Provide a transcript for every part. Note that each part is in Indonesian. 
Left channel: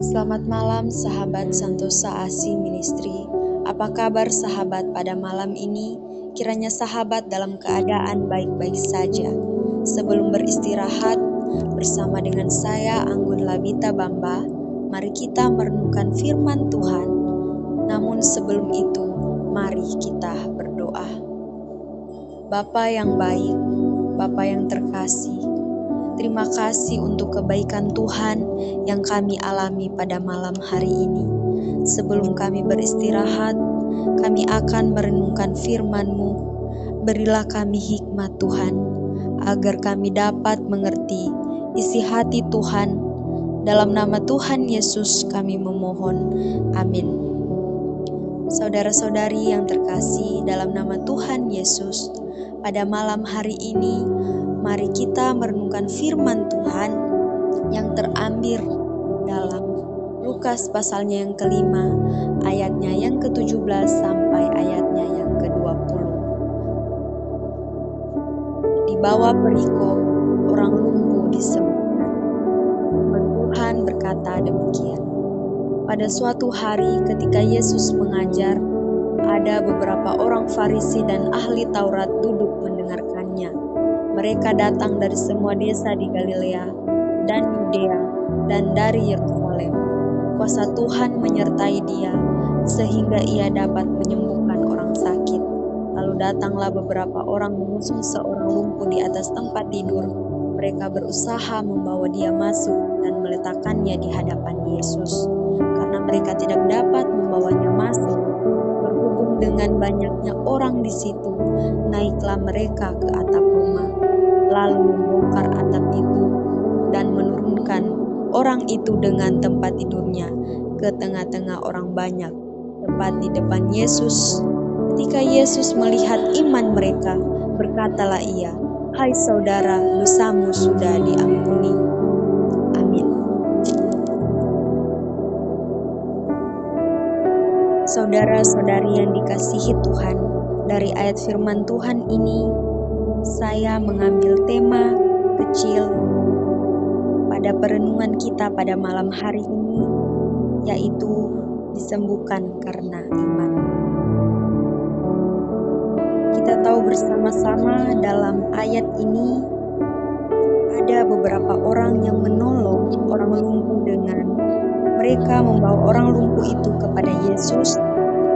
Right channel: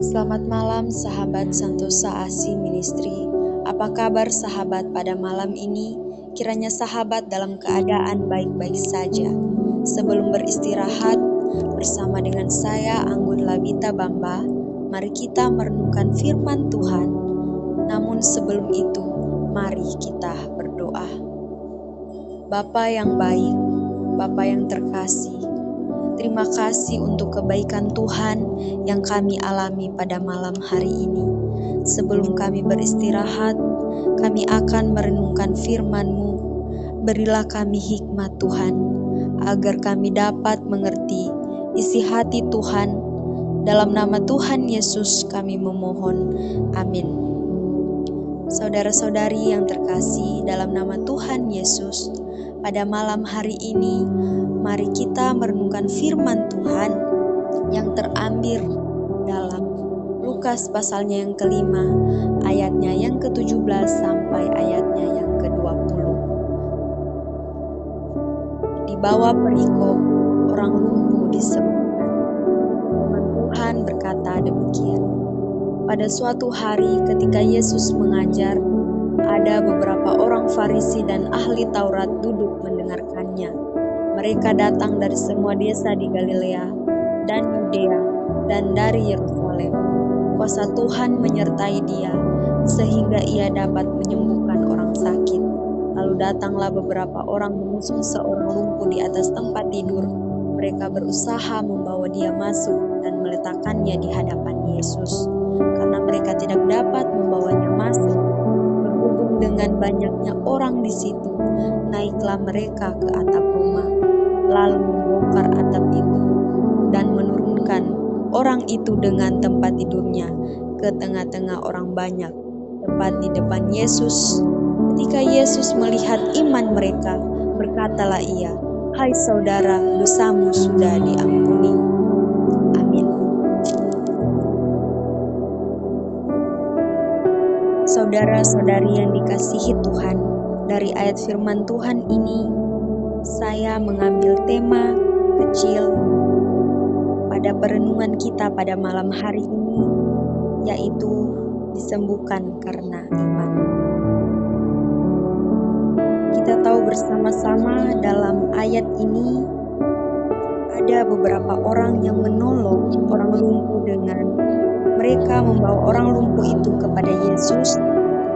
Selamat malam sahabat Santosa Asi Ministry. Apa kabar sahabat pada malam ini? Kiranya sahabat dalam keadaan baik-baik saja. Sebelum beristirahat bersama dengan saya Anggun Labita Bamba, mari kita merenungkan firman Tuhan. Namun sebelum itu, mari kita berdoa. Bapa yang baik, Bapa yang terkasih, terima kasih untuk kebaikan Tuhan yang kami alami pada malam hari ini. Sebelum kami beristirahat, kami akan merenungkan firman-Mu. Berilah kami hikmat Tuhan, agar kami dapat mengerti isi hati Tuhan. Dalam nama Tuhan Yesus kami memohon. Amin. Saudara-saudari yang terkasih dalam nama Tuhan Yesus, pada malam hari ini, mari kita merenungkan firman Tuhan yang terambil dalam Lukas pasalnya yang kelima, ayatnya yang ke-17 sampai ayatnya yang ke-20. Di bawah perikop, orang lumpuh disembuhkan. Firman Tuhan berkata demikian. Pada suatu hari ketika Yesus mengajar, ada beberapa orang Farisi dan ahli Taurat duduk mendengarkannya. Mereka datang dari semua desa di Galilea dan Yudea dan dari Yerusalem. Kuasa Tuhan menyertai dia sehingga ia dapat menyembuhkan orang sakit. Lalu datanglah beberapa orang mengusung seorang lumpuh di atas tempat tidur. Mereka berusaha membawa dia masuk dan meletakkannya di hadapan Yesus. Karena mereka tidak dapat membawanya masuk, berhubung dengan banyaknya orang di situ, naiklah mereka ke atap rumah, lalu membongkar atap itu dan menurunkan orang itu dengan tempat tidurnya ke tengah-tengah orang banyak, tepat di depan Yesus. Ketika Yesus melihat iman mereka, berkatalah ia, "Hai saudara, dosamu sudah diampuni." Amin. Saudara-saudari yang dikasihi Tuhan, dari ayat firman Tuhan ini, saya mengambil tema kecil pada perenungan kita pada malam hari ini, yaitu disembuhkan karena iman. Kita tahu bersama-sama dalam ayat ini ada beberapa orang yang menolong orang lumpuh dengan mereka membawa orang lumpuh itu kepada Yesus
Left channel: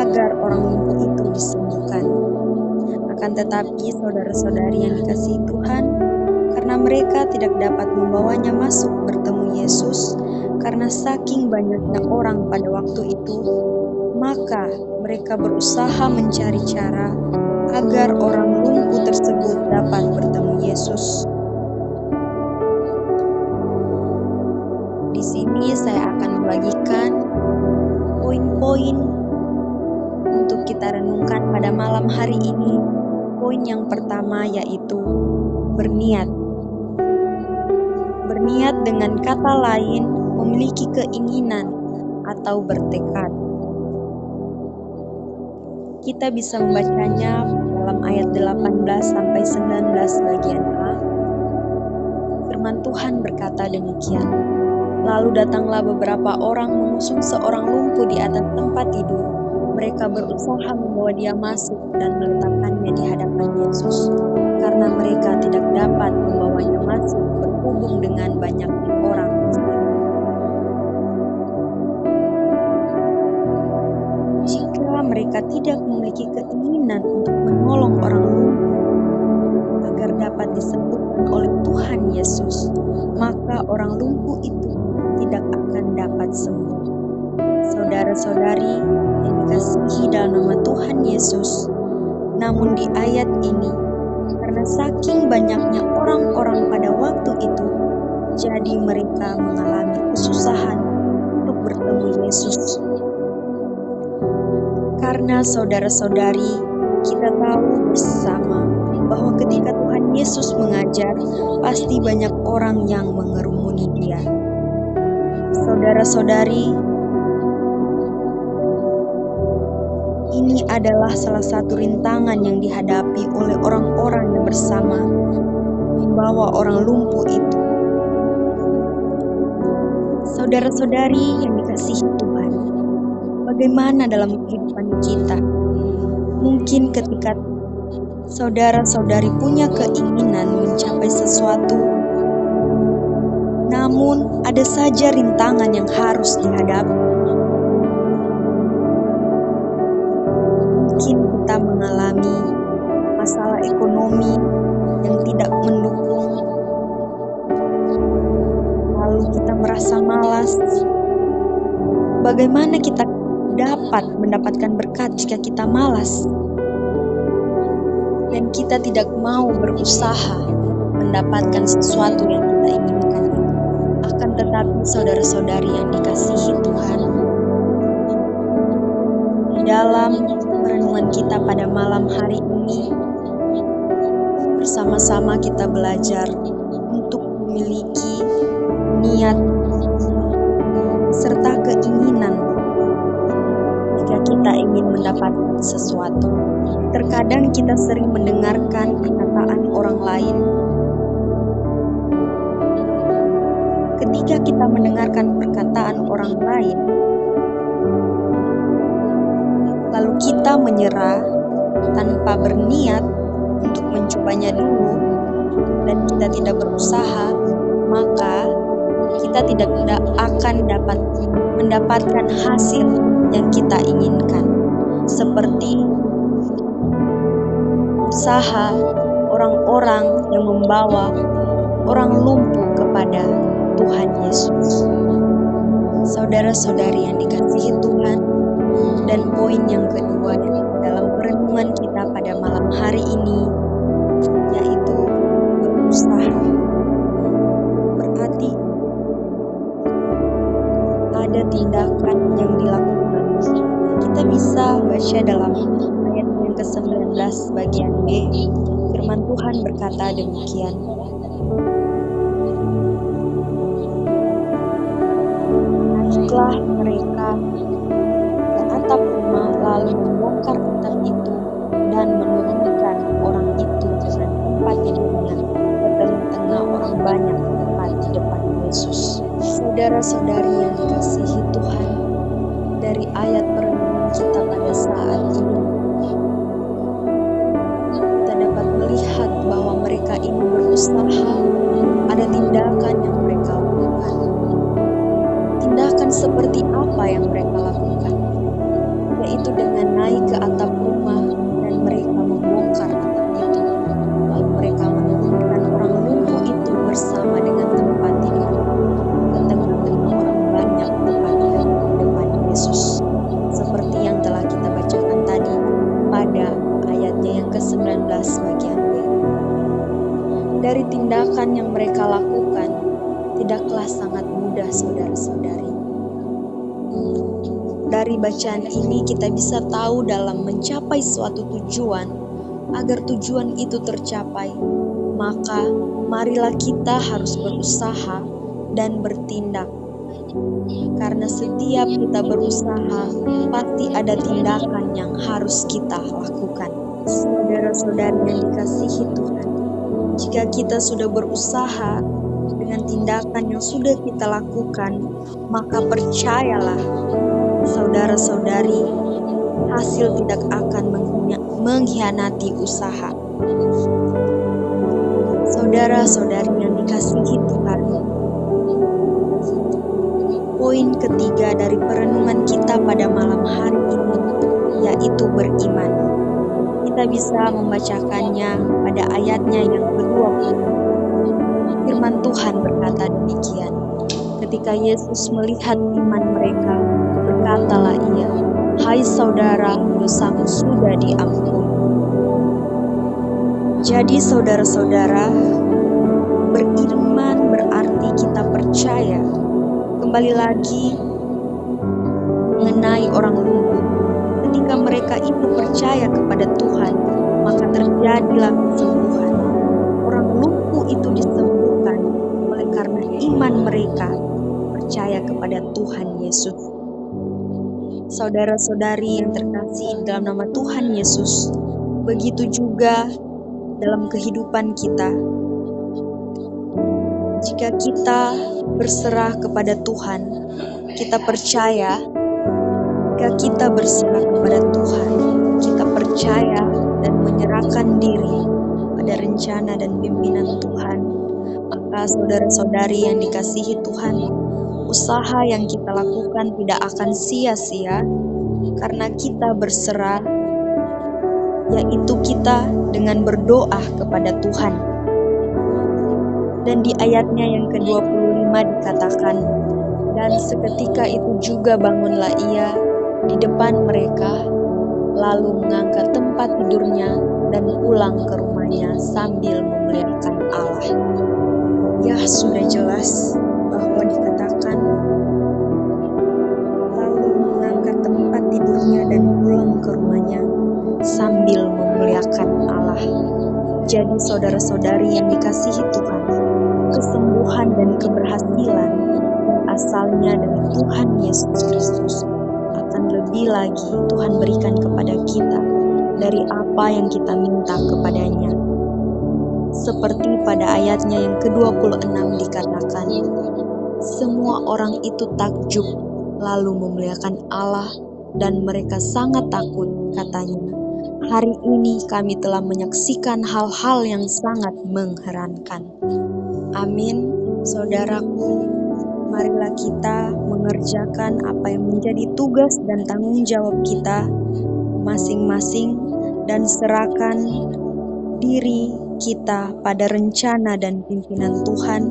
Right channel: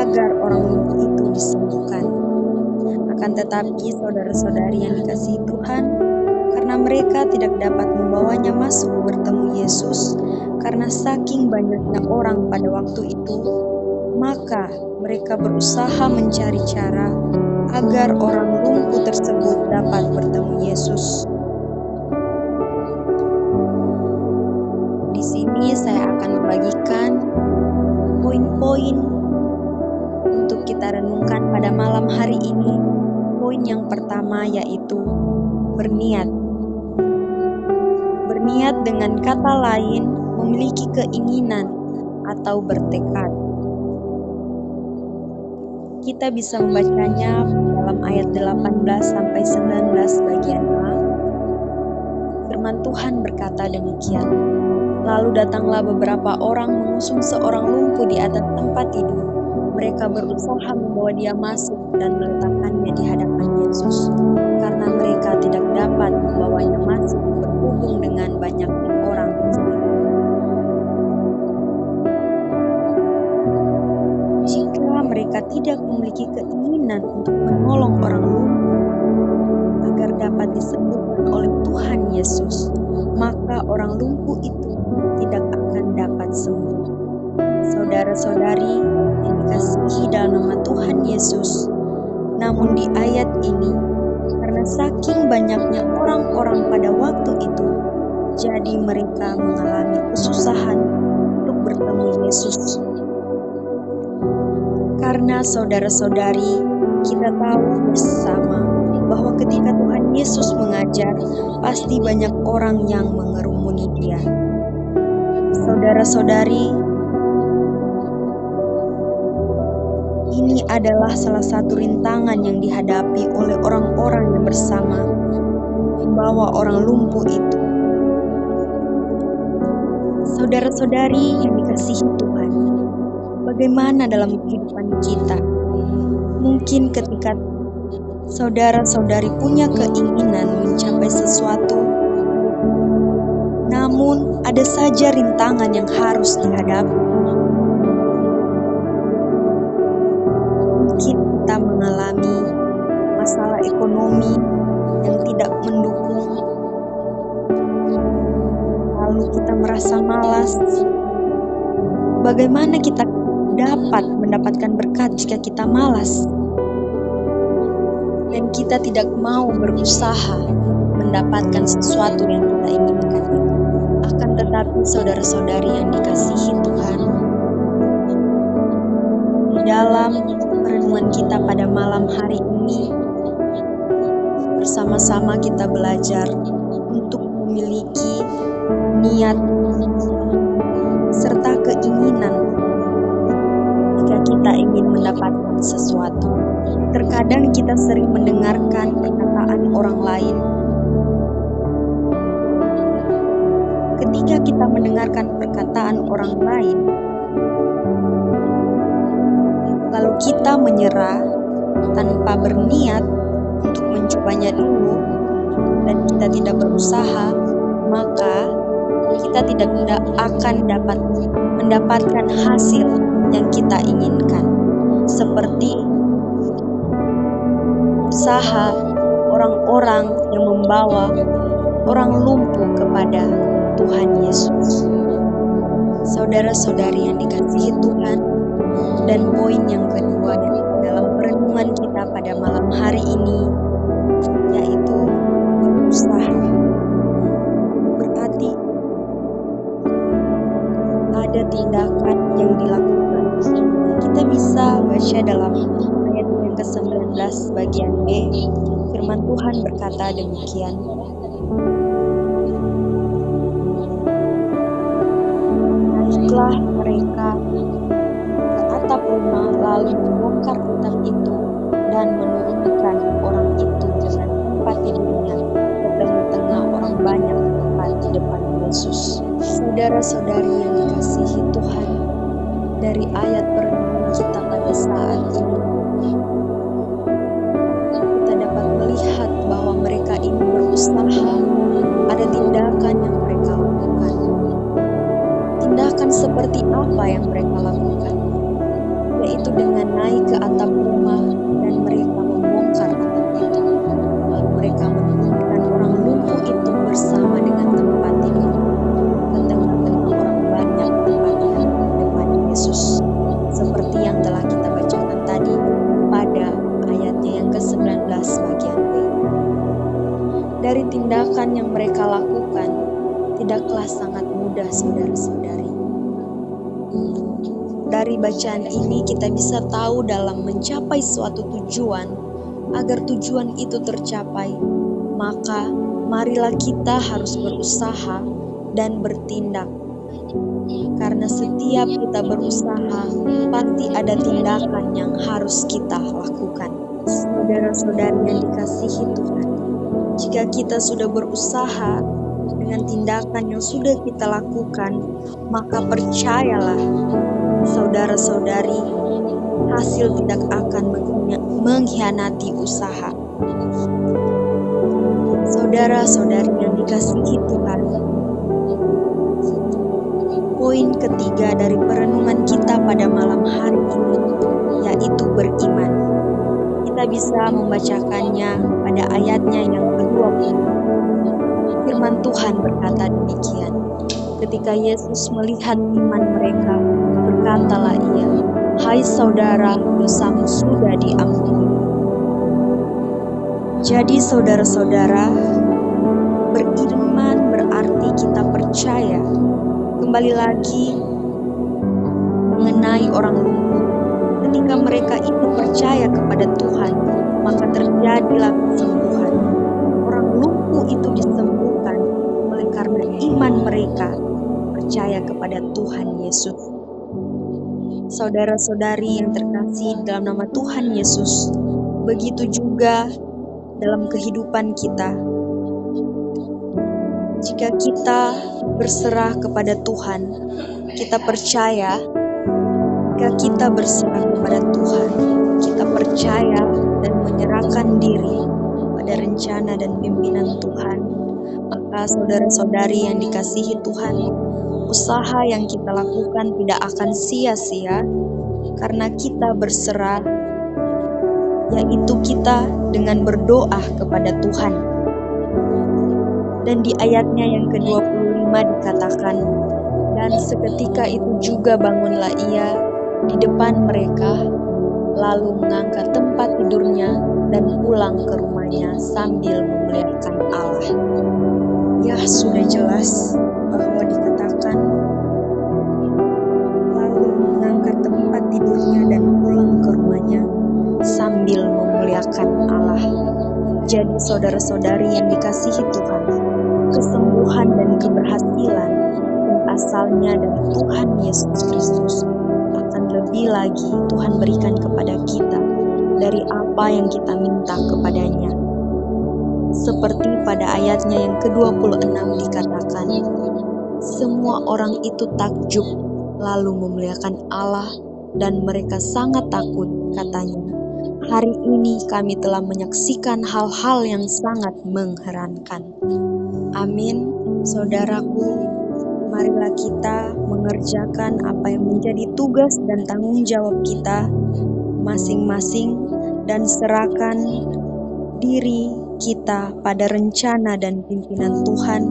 agar orang lumpuh itu disembuhkan. Akan tetapi saudara-saudari yang dikasihi Tuhan, karena mereka tidak dapat membawanya masuk bertemu Yesus karena saking banyaknya orang pada waktu itu, maka mereka berusaha mencari cara agar orang lumpuh tersebut dapat bertemu Yesus. Di sini saya akan membagikan poin-poin untuk kita renungkan pada malam hari ini. Poin yang pertama yaitu berniat. Berniat dengan kata lain memiliki keinginan atau bertekad. Kita bisa membacanya dalam ayat 18 sampai 19 bagian A. Firman Tuhan berkata demikian. Lalu datanglah beberapa orang mengusung seorang lumpuh di atas tempat tidur. Mereka berusaha membawa dia masuk dan meletakkannya di hadapan Yesus. Karena mereka tidak dapat membawanya masuk berhubung dengan banyaknya orang. Jika mereka tidak memiliki keinginan untuk menolong orang lumpuh agar dapat disembuhkan oleh Tuhan Yesus, maka orang lumpuh itu tidak akan dapat sembuh. Saudara-saudari yang dikasihi dalam nama Tuhan Yesus, namun di ayat ini, karena saking banyaknya orang-orang pada waktu itu, jadi mereka mengalami kesusahan untuk bertemu Yesus. Karena saudara-saudari, kita tahu bersama bahwa ketika Tuhan Yesus mengajar, pasti banyak orang yang mengerumuni dia. Saudara-saudari, ini adalah salah satu rintangan yang dihadapi oleh orang-orang yang bersama membawa orang lumpuh itu. Saudara-saudari yang dikasihi Tuhan, bagaimana dalam kehidupan kita? Mungkin ketika saudara-saudari punya keinginan mencapai sesuatu, namun ada saja rintangan yang harus dihadapi. Mungkin kita mengalami masalah ekonomi yang tidak mendukung, lalu kita merasa malas. Bagaimana kita dapat mendapatkan berkat jika kita malas? Dan kita tidak mau berusaha untuk mendapatkan sesuatu yang kita inginkan. Akan tetapi saudara-saudari yang dikasihi Tuhan, di dalam perenungan kita pada malam hari ini, bersama-sama kita belajar untuk memiliki niat serta keinginan jika kita ingin mendapatkan sesuatu. Terkadang kita sering mendengarkan perkataan orang lain. Ketika kita mendengarkan perkataan orang lain, lalu kita menyerah tanpa berniat untuk mencobanya dulu, dan kita tidak berusaha, maka kita tidak akan dapat mendapatkan hasil yang kita inginkan. Seperti usaha orang-orang yang membawa orang lumpuh kepada Tuhan Yesus. Saudara-saudari yang dikasihi Tuhan, dan poin yang kedua dalam perenungan kita pada malam hari ini, yaitu berusaha. Berarti ada tindakan yang dilakukan. Kita bisa baca dalam ayat yang ke-19 bagian B, firman Tuhan berkata demikian. Naiklah mereka ke atap rumah, lalu membongkar atap itu dan menurunkan orang itu dengan tempat tidurnya ke tengah-tengah orang banyak tepat di depan Yesus. Saudara-saudari yang dikasihi Tuhan, dari ayat perenungan kita pada saat ini, kita dapat melihat bahwa mereka ini berusaha, ada tindakan yang mereka lakukan. Tindakan seperti apa yang mereka lakukan? Yaitu dengan naik ke atap rumah dan mereka membongkar atap itu. Lalu mereka menurunkan orang lumpuh itu bersama dengan tempat tidur ke tengah-tengah orang banyak tepatnya depan Yesus. Seperti yang telah kita bacakan tadi pada ayatnya yang ke-19 bagian B. Dari tindakan yang mereka lakukan, tidaklah sangat mudah saudara-saudari. Dari bacaan ini kita bisa tahu dalam mencapai suatu tujuan, agar tujuan itu tercapai, maka marilah kita harus berusaha dan bertindak. Karena setiap kita berusaha, pasti ada tindakan yang harus kita lakukan. Saudara-saudari yang dikasihi Tuhan, jika kita sudah berusaha dengan tindakan yang sudah kita lakukan, maka percayalah saudara-saudari, hasil tidak akan mengkhianati usaha. Saudara-saudari yang dikasihi Tuhan, poin ketiga dari perenungan kita pada malam hari ini, yaitu beriman. Kita bisa membacakannya pada ayatnya yang ke-20. Firman Tuhan berkata demikian. Ketika Yesus melihat iman mereka, berkatalah ia, "Hai saudara, dosamu sudah diampuni." Jadi saudara-saudara, beriman berarti kita percaya. Kembali lagi mengenai orang lumpuh. Ketika mereka itu percaya kepada Tuhan, maka terjadilah kesembuhan. Orang lumpuh itu disembuhkan oleh karena iman mereka percaya kepada Tuhan Yesus. Saudara-saudari yang terkasih dalam nama Tuhan Yesus, begitu juga dalam kehidupan kita. Jika kita berserah kepada Tuhan, kita percaya. Jika kita berserah kepada Tuhan, kita percaya dan menyerahkan diri pada rencana dan pimpinan Tuhan, maka saudara-saudari yang dikasihi Tuhan, usaha yang kita lakukan tidak akan sia-sia karena kita berserah, yaitu kita dengan berdoa kepada Tuhan. Dan di ayatnya yang ke-25 dikatakan, dan seketika itu juga bangunlah ia di depan mereka, lalu mengangkat tempat tidurnya dan pulang ke rumahnya sambil memuliakan Allah. Ya, sudah jelas bahwa dikatakan lalu mengangkat tempat tidurnya dan pulang ke rumahnya sambil memuliakan Allah. Jadi saudara-saudari yang dikasihi Tuhan, kesembuhan dan keberhasilan yang asalnya dari Tuhan Yesus Kristus akan lebih lagi Tuhan berikan kepada kita dari apa yang kita minta kepadanya. Seperti pada ayatnya yang ke-26 dikatakan, semua orang itu takjub lalu memuliakan Allah dan mereka sangat takut, katanya, hari ini kami telah menyaksikan hal-hal yang sangat mengherankan. Amin, saudaraku. Marilah kita mengerjakan apa yang menjadi tugas dan tanggung jawab kita masing-masing dan serahkan diri kita pada rencana dan pimpinan Tuhan,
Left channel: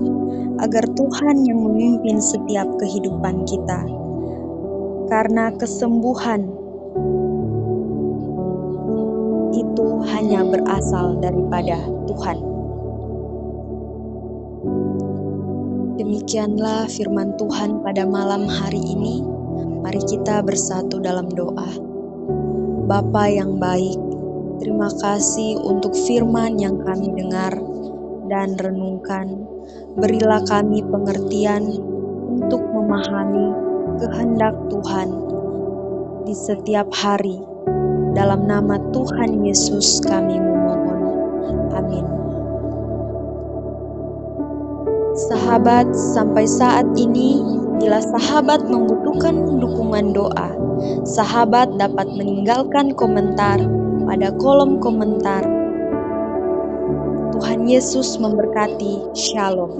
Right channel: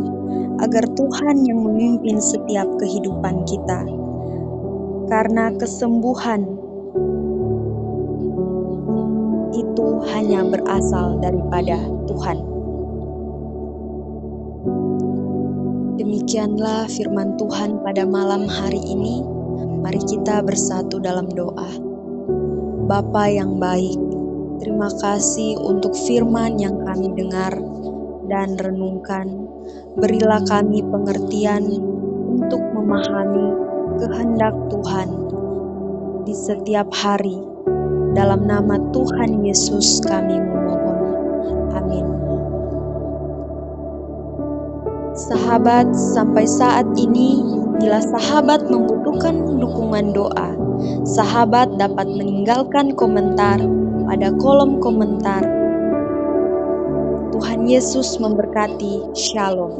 agar Tuhan yang memimpin setiap kehidupan kita. Karena kesembuhan itu hanya berasal daripada Tuhan. Demikianlah firman Tuhan pada malam hari ini. Mari kita bersatu dalam doa. Bapa yang baik, terima kasih untuk firman yang kami dengar dan renungkan. Berilah kami pengertian untuk memahami kehendak Tuhan di setiap hari. Dalam nama Tuhan Yesus kami memohon. Amin. Sahabat, sampai saat ini, bila sahabat membutuhkan dukungan doa, sahabat dapat meninggalkan komentar pada kolom komentar. Tuhan Yesus memberkati. Shalom.